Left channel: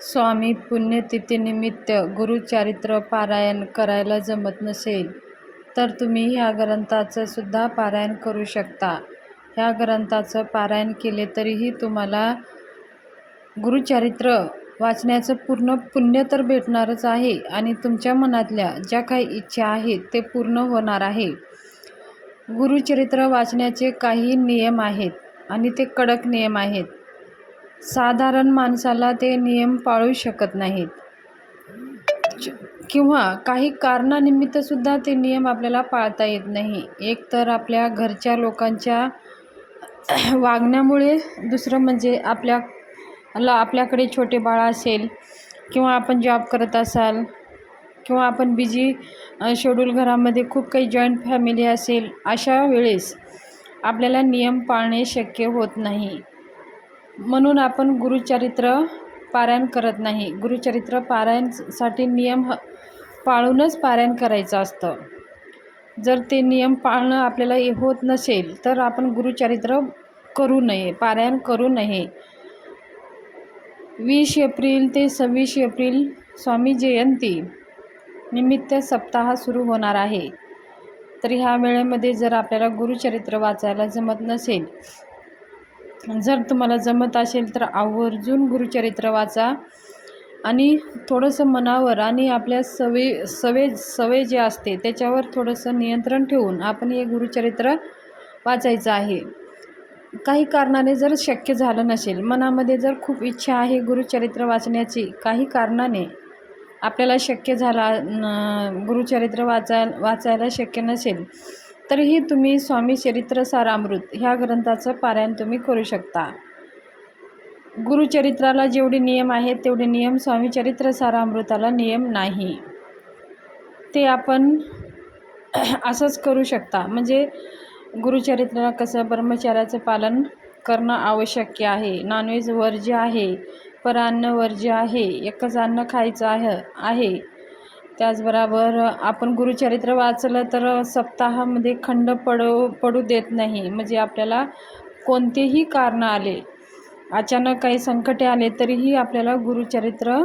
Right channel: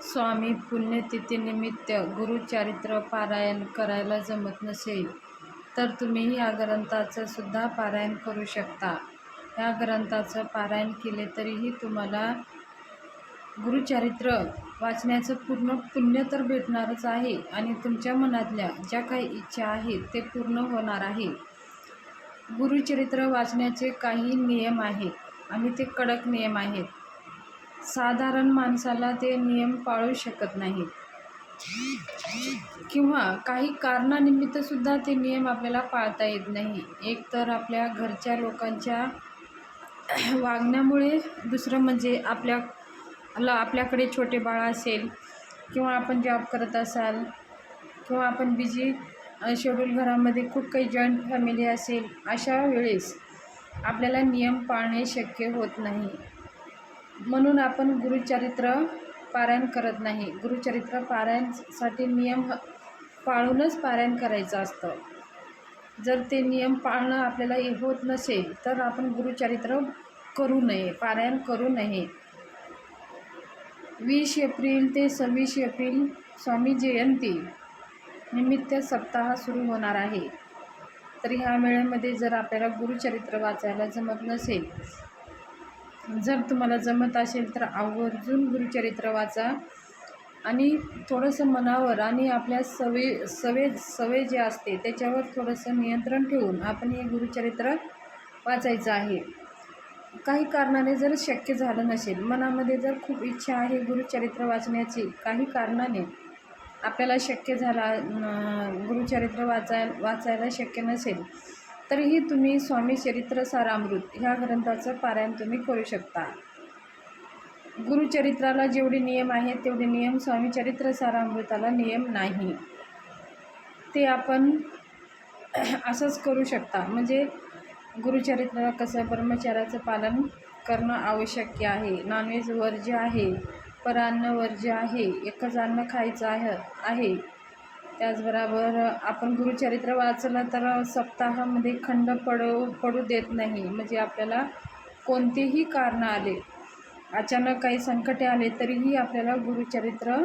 स्वामी पुण्यतिथीनिमित्त गुरुचारित्र पारायण करायला जमत नसेल तर तुम्ही ह्या ग्रंथाचं सुद्धा पारायण करू शकता. ह्या ग्रंथाचं पारायण केले तरीही तुम्हाला गुरुचरित्र वाचण्याचं पूर्ण पुण्य तर भेटणारच आहे आणि तुमच्या मनातल्या ज्या काही इच्छा आहेत ते पूर्ण होणार आहे. गुरुचरित्र वाचण्याचे काही नियम आहेत आणि ते कडक नियम आहेत. साधारण माणसाला ते नियम पाळू शकत नाहीत. किंवा काही कारणानिमित्तसुद्धा ते नियम आपल्याला पाळता येत नाही. एक तर आपल्या घरच्या लोकांच्या वागण्यामुळे दुसरं म्हणजे आपल्याला आपल्याकडे छोटे बाळ असेल किंवा आपण जॉब करत असाल किंवा आपण बिजी शेड्यूल घरामध्ये खूप काही जॉईंट फॅमिली असेल अशा वेळेस आपल्याला नियम पाळणे शक्य होत नाही. म्हणून आपण गुरुचरित्र पारायण करत नाही. गुरुचरित्र पारायणसाठी नियम ह पाळूनच पारायण करायचं असतं. जर ते नियम पाळणं आपल्याला होत नसेल तर आपण गुरुचरित्र करू नये पारायण करू नये. वीस एप्रिल ते सव्वीस एप्रिल स्वामी जयंती निमित्त सप्ताह सुरू होणार आहे. तर ह्या वेळेमध्ये जर आपल्याला गुरुचरित्र वाचायला जमत नसेल जर तुम्हाला जमत असेल तर आवर्जून गुरुचरित्र वाचा. आणि थोडंसं मनावर आणि आपल्या सवय सवय सवय जे असते त्याच्यावर थोडंसं नियंत्रण ठेवून आपण हे गुरुचरित्र वाचायचं आहे. काही कारणाने जर शक्य झालं नसेल मनामध्ये जर खूप इच्छा आहे गुरुचरित्र वाचण्याची काही कारणाने आपल्याला शक्य झाला गुरुचरित्र वाचाय वाचायला शक्य नसेल तरीही तुम्ही स्वामी चरित्र सारामृत ह्या ग्रंथाचं पारायण तुम्ही करू शकता. गुरुचरित्राला जेवढे नियम आहेत तेवढे नियम स्वामी चरित्र सारामृताला नियम नाही. ते आपण असंच करू शकता. म्हणजे गुरुचरित्राला कसं ब्रह्मचार्याचं पालन करणं आवश्यक आहे. नॉनव्हेज वर्ज्य आहे परान्न वर्ज्य आहे एकच अन्न खायचं आहे आहे. त्याचबरोबर आपण गुरुचरित्र वाचलं तर सप्ताहामध्ये खंड पडू पडू देत नाही. म्हणजे आपल्याला कोणतेही कारणं आले अचानक काही संकटे आले तरीही आपल्याला गुरुचरित्र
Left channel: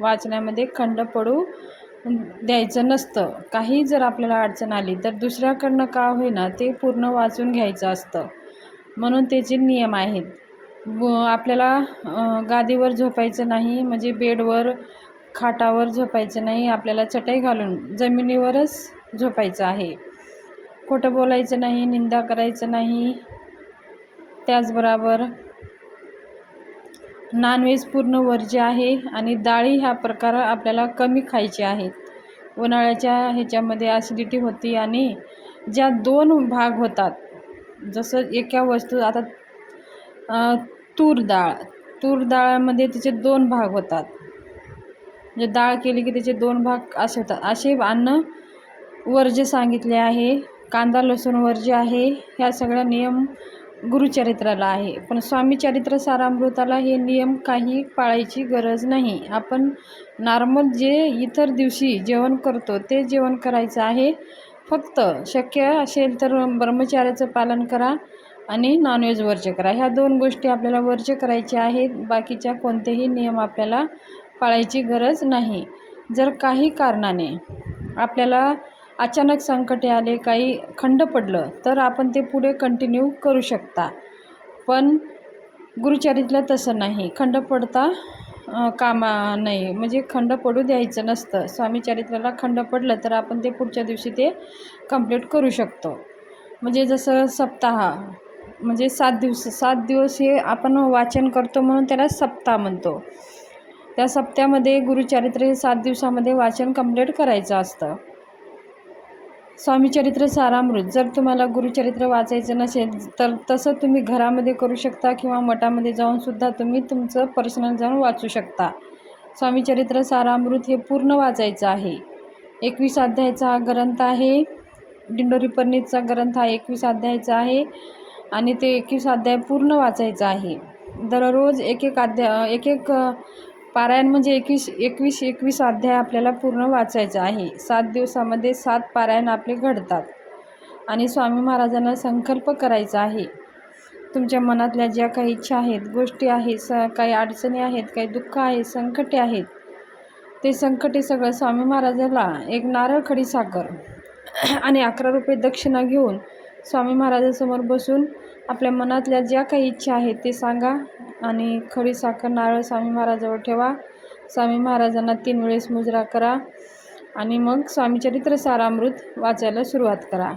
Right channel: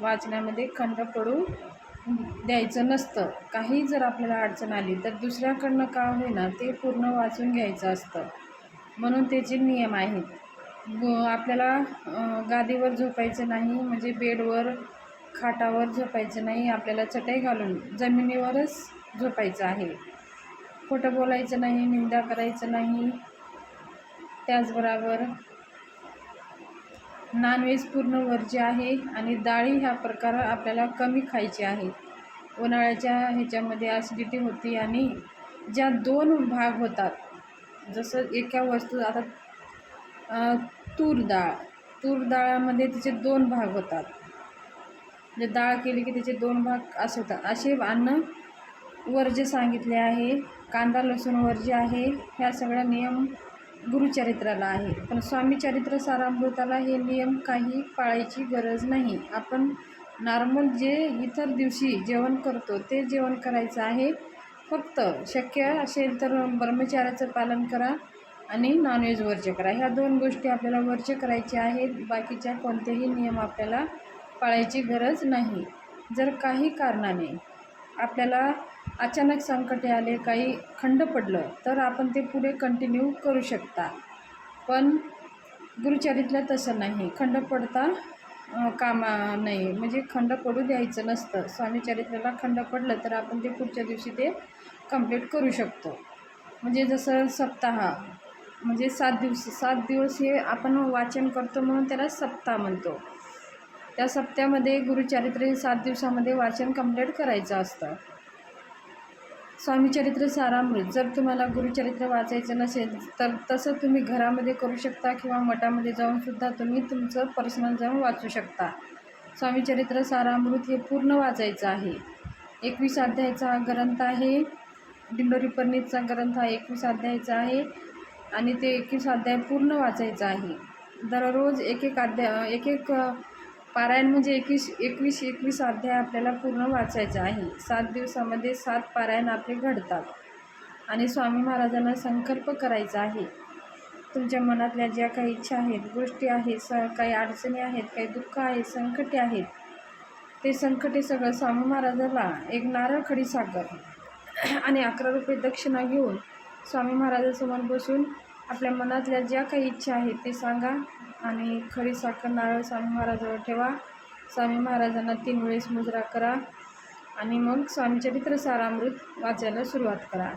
वाचण्यामध्ये खंड पडू द्यायचं नसतं. काही जर आपल्याला अडचण आली तर दुसऱ्याकडनं का होईना ते पूर्ण वाचून घ्यायचं असतं. म्हणून त्याचे नियम आहेत आपल्याला गादीवर झोपायचं नाही म्हणजे बेडवर खाटावर झोपायचं नाही आपल्याला चटई घालून जमिनीवरच झोपायचं आहे. खोटं बोलायचं नाही निंदा करायचं नाही. त्याचबरोबर नॉनव्हेज पूर्ण वर्ज्य आहे आणि डाळी ह्या प्रकार आपल्याला कमी खायचे आहेत. उन्हाळ्याच्या ह्याच्यामध्ये ॲसिडिटी होती आणि ज्या दोन भाग होतात जसं एका वस्तू आता तूर डाळ. तूर डाळामध्ये तिचे दोन भाग होतात. म्हणजे डाळ केली की त्याचे दोन भाग असे होतात. असे अन्न वर्ज्य सांगितले आहे कांदा लसूण वर्ज्य आहे ह्या सगळ्या नियम गुरुचरित्राला आहे. पण स्वामी चरित्र सारामृताला हे नियम काही पाळायची गरज नाही. आपण नॉर्मल जे इतर दिवशी जेवण करतो ते जेवण करायचं आहे. फक्त शक्य असेल तर ब्रह्मचार्याचं पालन करा आणि नॉनव्हेज वर्ज्य करा. ह्या दोन गोष्टी आपल्याला वर्ज्य करायच्या आहेत. बाकीच्या कोणतेही नियम आपल्याला पाळायची गरज नाही. जर काही कारणाने आपल्याला अचानक संकटे आले काही खंड पडलं तर आपण ते पुढे कंटिन्यू करू शकता. पण गुरुचरित्र तसं नाही. खंड पडता कामा नाही म्हणजे खंड पडू द्यायचं नसतं. स्वामी चरित्राला खंड पडलं तर आपण ते पुढच्या दिवशी ते कंप्लीट करू शकतो. म्हणजे जसं सप्ताह म्हणजे सात दिवस सात दिवस हे आपण वाचन करतो म्हणून त्याला सप्ताह म्हणतो. त्या सप्त्यामध्ये गुरुचरित्र हे सात दिवसामध्ये वाचन कंप्लीट करायचं असतं. स्वामीचरित्र सारामृत. जर तुम्हाला गुरुचरित्र वाचायचं नसेल तर तसं तुम्ही घरामध्ये करू शकता किंवा मठामध्ये जाऊनसुद्धा तुम्ही तुमचं पर्सनल जाऊन वाचू शकता. स्वामीचरित्र सारामृत हे पूर्ण वाचायचं आहे. एकवीस अध्यायाचा हा ग्रंथ आहे. दिंडोरी पर्णितचा ग्रंथ हा एकवीस अध्यायाचा आहे आणि ते एकवीस अध्याय पूर्ण वाचायचं आहे. दररोज एक एक अध्याय एक एक पारायण म्हणजे एकवीस एकवीस एकवीस अध्याय आपल्याला पूर्ण वाचायचं आहे. सात दिवसामध्ये सात पारायण आपले घडतात आणि स्वामी महाराजांना संकल्प करायचा आहे. तुमच्या मनातल्या ज्या काही इच्छा आहेत गोष्टी आहेत स काही अडचणी आहेत काही दुःख आहेत संकटे आहेत ते संकटे सगळं स्वामी महाराजाला एक नारळ खडी साखर आणि अकरा रुपये दक्षिणा घेऊन स्वामी महाराजांसमोर बसून आपल्या मनातल्या ज्या काही इच्छा आहेत ते सांगा आणि खडी साखर नारळ स्वामी महाराजावर ठेवा. स्वामी महाराजांना तीन वेळेस मुजरा करा आणि मग स्वामीचरित्र सारामृत वाचायला सुरुवात करा.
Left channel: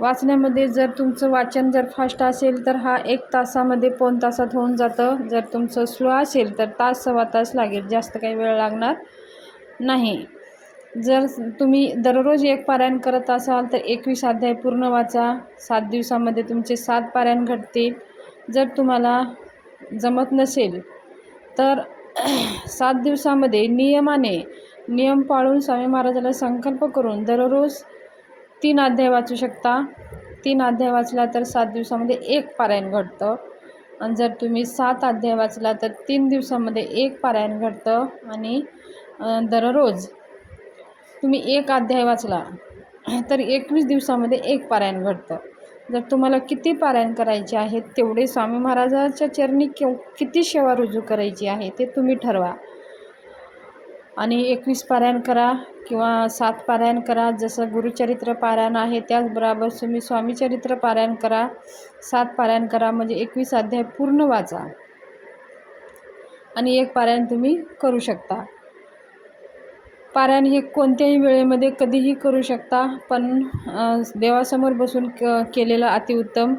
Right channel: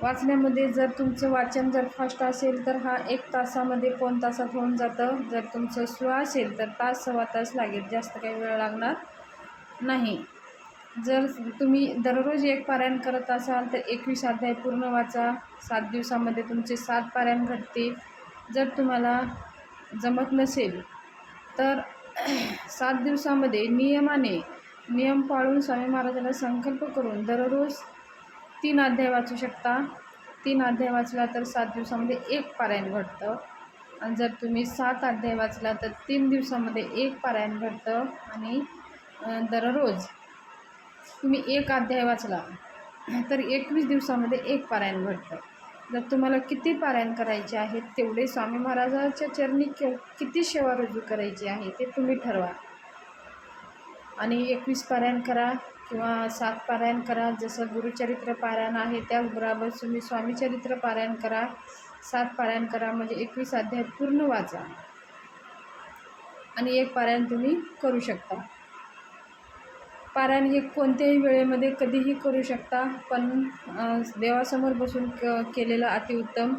वाचण्यामध्ये जर तुमचं वाचन जर फास्ट असेल तर हा एक तासामध्ये पाऊण तासात होऊन जातं. जर तुमचं स्लो असेल तर तास सव्वा तास लागेल. जास्त काही वेळ लागणार नाही. जर तुम्ही दररोज एक पारायण करत असाल तर एकवीस अध्याय पूर्ण वाचा. सात दिवसामध्ये तुमचे सात पारायण घडतील. जर तुम्हाला जमत नसेल तर सात दिवसामध्ये नियमाने नियम पाळून स्वामी महाराजाला संकल्प करून दररोज तीन अध्याय वाचू शकता. तीन अध्याय वाचला तर सात दिवसामध्ये एक पारायण घडतं. आणि जर तुम्ही सात अध्याय वाचला तर तीन दिवसामध्ये एक पारायण घडतं. आणि दररोज तुम्ही एक अध्याय वाचला तर एकवीस दिवसामध्ये एक पारायण घडतं. जर तुम्हाला किती पारायण करायचे आहेत तेवढे स्वामी महाराजाच्या चरणी केव किती सेवा रुजू करायची आहे ते तुम्ही ठरवा. आणि एकवीस पारायण करा किंवा सात पारायण करा जसं गुरुचरित्र पारायण आहे त्याचबरोबर तुम्ही स्वामीचरित्र पारायण करा सात पारायण करा म्हणजे एकवीस अध्याय पूर्ण वाचा. आणि एक पारायण तुम्ही करू शकता. पारायण हे कोणत्याही वेळेमध्ये कधीही करू शकता पण देवासमोर बसून क केलेलं अतिउत्तम.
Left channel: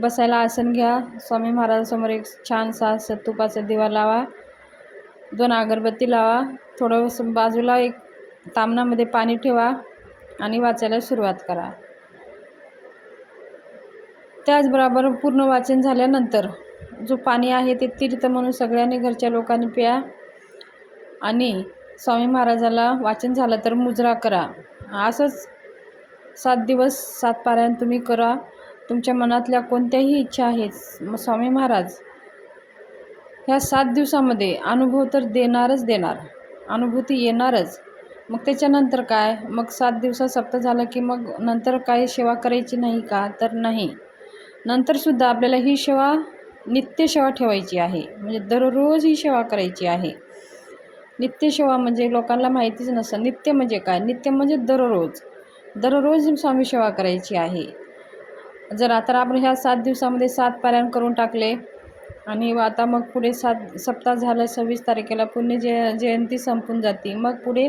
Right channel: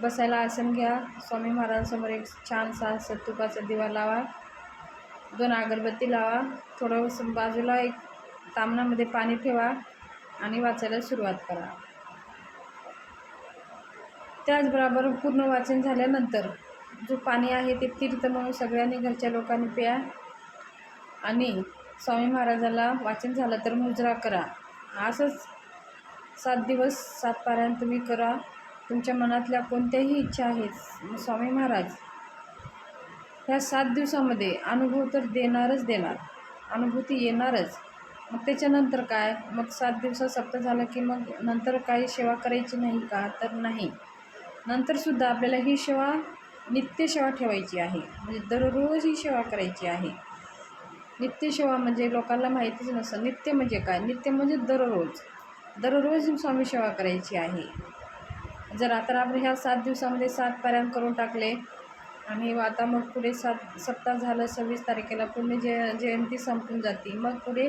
बसायला आसन घ्या. स्वामी महाराजांसमोर एक छानसा सत्तुपाचा दिवा लावा. दोन अगरबत्ती लावा. थोडं बाजूला एक तामणामध्ये पाणी ठेवा आणि वाचायला सुरुवात करा. त्याचबरोबर पूर्ण वाचन झाल्यानंतर जो पाणी आहे ते तीर्थ म्हणून सगळ्यांनी घरच्या लोकांनी प्या आणि स्वामी महाराजाला वाचन झालं तर मुजरा करा. असंच सात दिवस सात पारायण तुम्ही करा. तुमच्या मनातल्या कोणत्याही इच्छा आहेत मग स्वामी महाराज. ह्या सात दिवसामध्ये अनुभव तर देणारच देणार. अनुभूती येणारच. मग त्याच्यानंतर काय? मग सात दिवसात सप्त झालं की मग नंतर काय सेवा करायची नाही का? तर नाही. नंतरसुद्धा आपल्याला ही सेवा नित्य सेवा ठेवायची आहे. म्हणजे दररोज ही सेवा करायची आहे. नित्यसेवा म्हणजे लोकांना माहितीच नसतं. नित्य म्हणजे काय? नित्य म्हणजे दररोज. दररोज स्वामी सेवा करायची आहे. जर आता आपण ह्या सात दिवसामध्ये सात पारायण करून टाकले आणि आता मग पुढे सात सप्ताह झालं सव्वीस तारखेला पुण्य जय जयंती संपून जाते. मग पुढे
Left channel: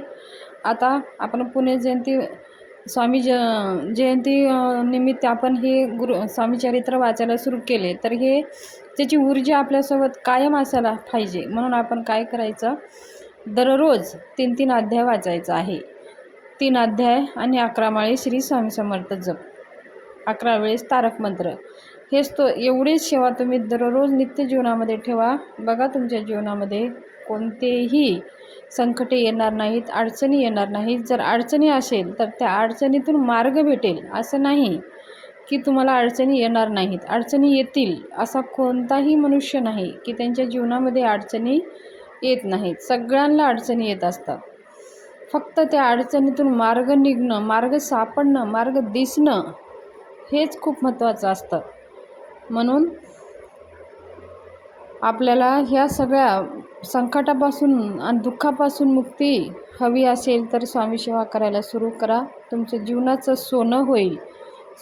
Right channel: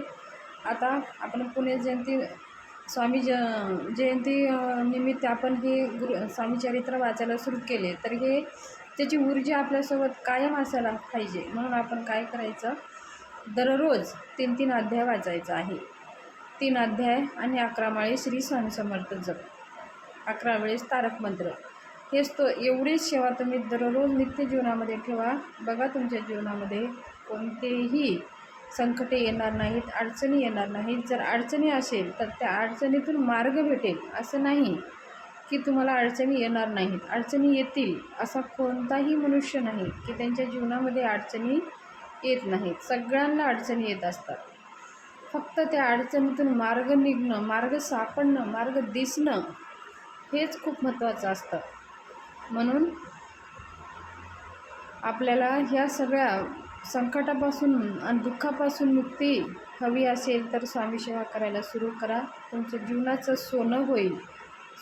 आता आपण पुण्य जयंती स्वामी ज जयंती निमित्त आपण हे गुरु स्वामी चरित्र वाचायला सुरू केले तर हे त्याची ऊर्जा आपल्यासोबत कायम असायला पाहिजे. म्हणून आपण काय करायचं? दररोज तीन तीन अध्याय वाचायचा आहे. तीन अध्याय आणि अकरा माळे श्री स्वामी समर्थ जप. अकरा वेळेस तारक मंत्र. हेच तो एवढीच सेवा तुम्ही दररोज नित्य जीवनामध्ये ठेवा. बघा तुमच्या जीवनामध्ये कोणतेही संकटे येणार नाहीत अडचणी येणार नाहीत. जर अडचणी असेल तर त्या अडचणीतून मार्ग भेटेल असं नाही की तुम्हाला अडचणी येणार नाहीत. अडचणी येतील असा कोणताही मनुष्य नाही की त्यांच्या जीवनामध्ये अडचणी येत नाहीत. सगळ्यांना अडचणी येत असतात. फक्त त्या अडचणीतून मार्ग निघणं मार्ग सापडणं मार्ग दिसणं हेच खूप महत्त्वाचं असतं. म्हणून आपल्याला ह्या सगळ्या संकटापासून आणि दुःखापासून मुक्ती हवी असेल तर स्वामी सेवा करायला सुरू करा. तुमचं जीवनाचं सोनं होईल.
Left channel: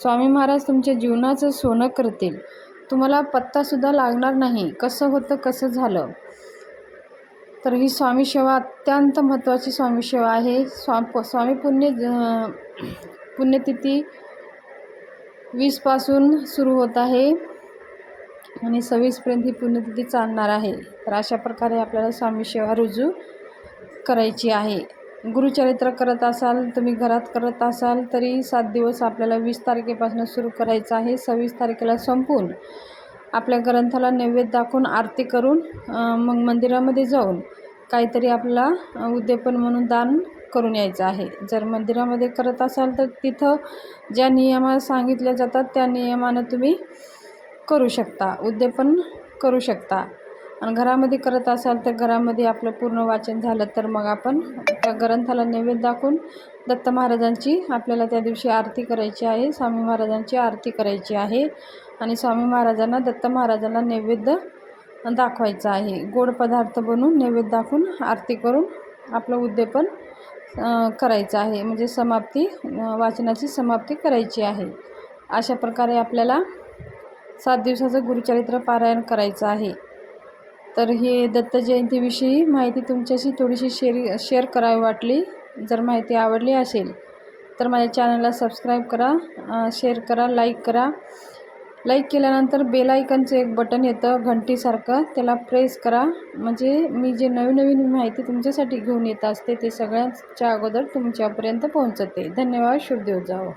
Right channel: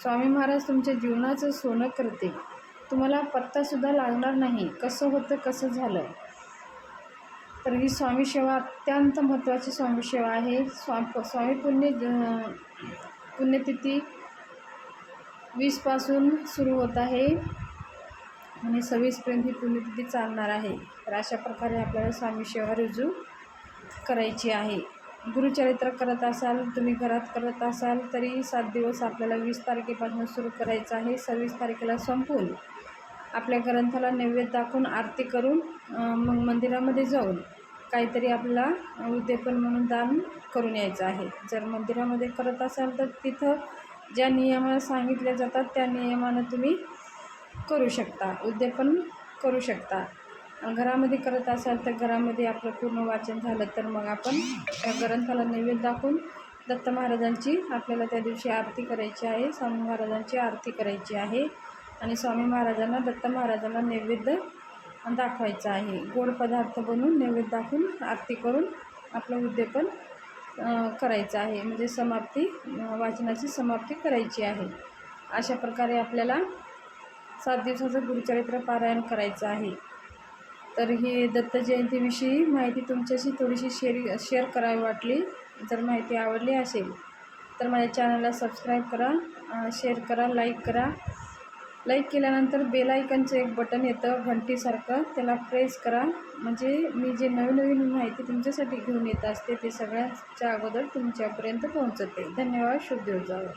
स्वामी महाराज तुमच्या जीवनाचं सोनं करतील. तुम्हाला पत्तासुद्धा लागणार नाही. कसं होतं कसं झालं? तर ही स्वामी सेवा अत्यंत महत्त्वाची स्वामी सेवा आहे. स्वा स्वामी पुण्य ज- पुण्यतिथी वीसपासून सुरू होत आहे आणि सव्वीसपर्यंत ही पुण्यतिथी चालणार आहे. तर अशा प्रकारे आपल्याला स्वामी सेवा रुजू करायची आहे. गुरुचरित्र करत असाल तुम्ही घरात करत असाल तरी सात दिवस आपल्याला वीस तारखेपासून सुरू करायचं आहे. सव्वीस तारखेला संपून आपल्या ग्रंथाला नैवेद्य दाखवून आरती करून मग मंदिरामध्ये जाऊन काहीतरी आपला उद्यापन म्हणून दान करून यायचं आहे. जर मंदिरामध्ये करत असाल तर तिथं ज्या नियमा सांगितल्या जातात त्या नियमानं तुम्ही करू शकता उद्यापन करू शकता. आणि घरामध्ये करत असाल तर घरामध्ये आपलं पूर्ण वाचन झालं तर मग आपण त्या ग्रंथाला नैवेद्य दाखवून दत्त महाराजांची आपल्याला त्या दिवशी आरती करायची आहे स्वामी महाराजांची आरती करायची आहे. आणि स्वामी महाराजांना दत्त महाराजांना नैवेद्य दाखवायचा आहे. गोड पदार्थ बनवून नैवेद्य दाखवून आरती करून आपलं उद्यापन करायचं आहे. म्हणजे समाप्ती वाचनाची समाप्ती करायची आहे. अशा प्रकारे आपल्याला सात दिवसाचं गुरुचरित्र पारायण करायचं आहे. तर हे दत्त जयंतीविषयी माहिती तुमच्याशी थोडीशी शेअर शेअर करावी वाटली. जर माहिती आवडली असेल तर माझ्या चॅनलला सबस्क्राईब करा शेअर करा लाईक करा. लाईक केल्यानंतर बेल आयकनचं एक बटन येतं घंटीसारखं. त्याला प्रेस करा. म्हणजे मी जे नवीन नवीन माहिती तुमच्यासाठी घेऊन येत असते ते सगळ्यांच्या अगोदर तुमच्यापर्यंत पोहोचते. धन्यवाद. शुभदेव जावं.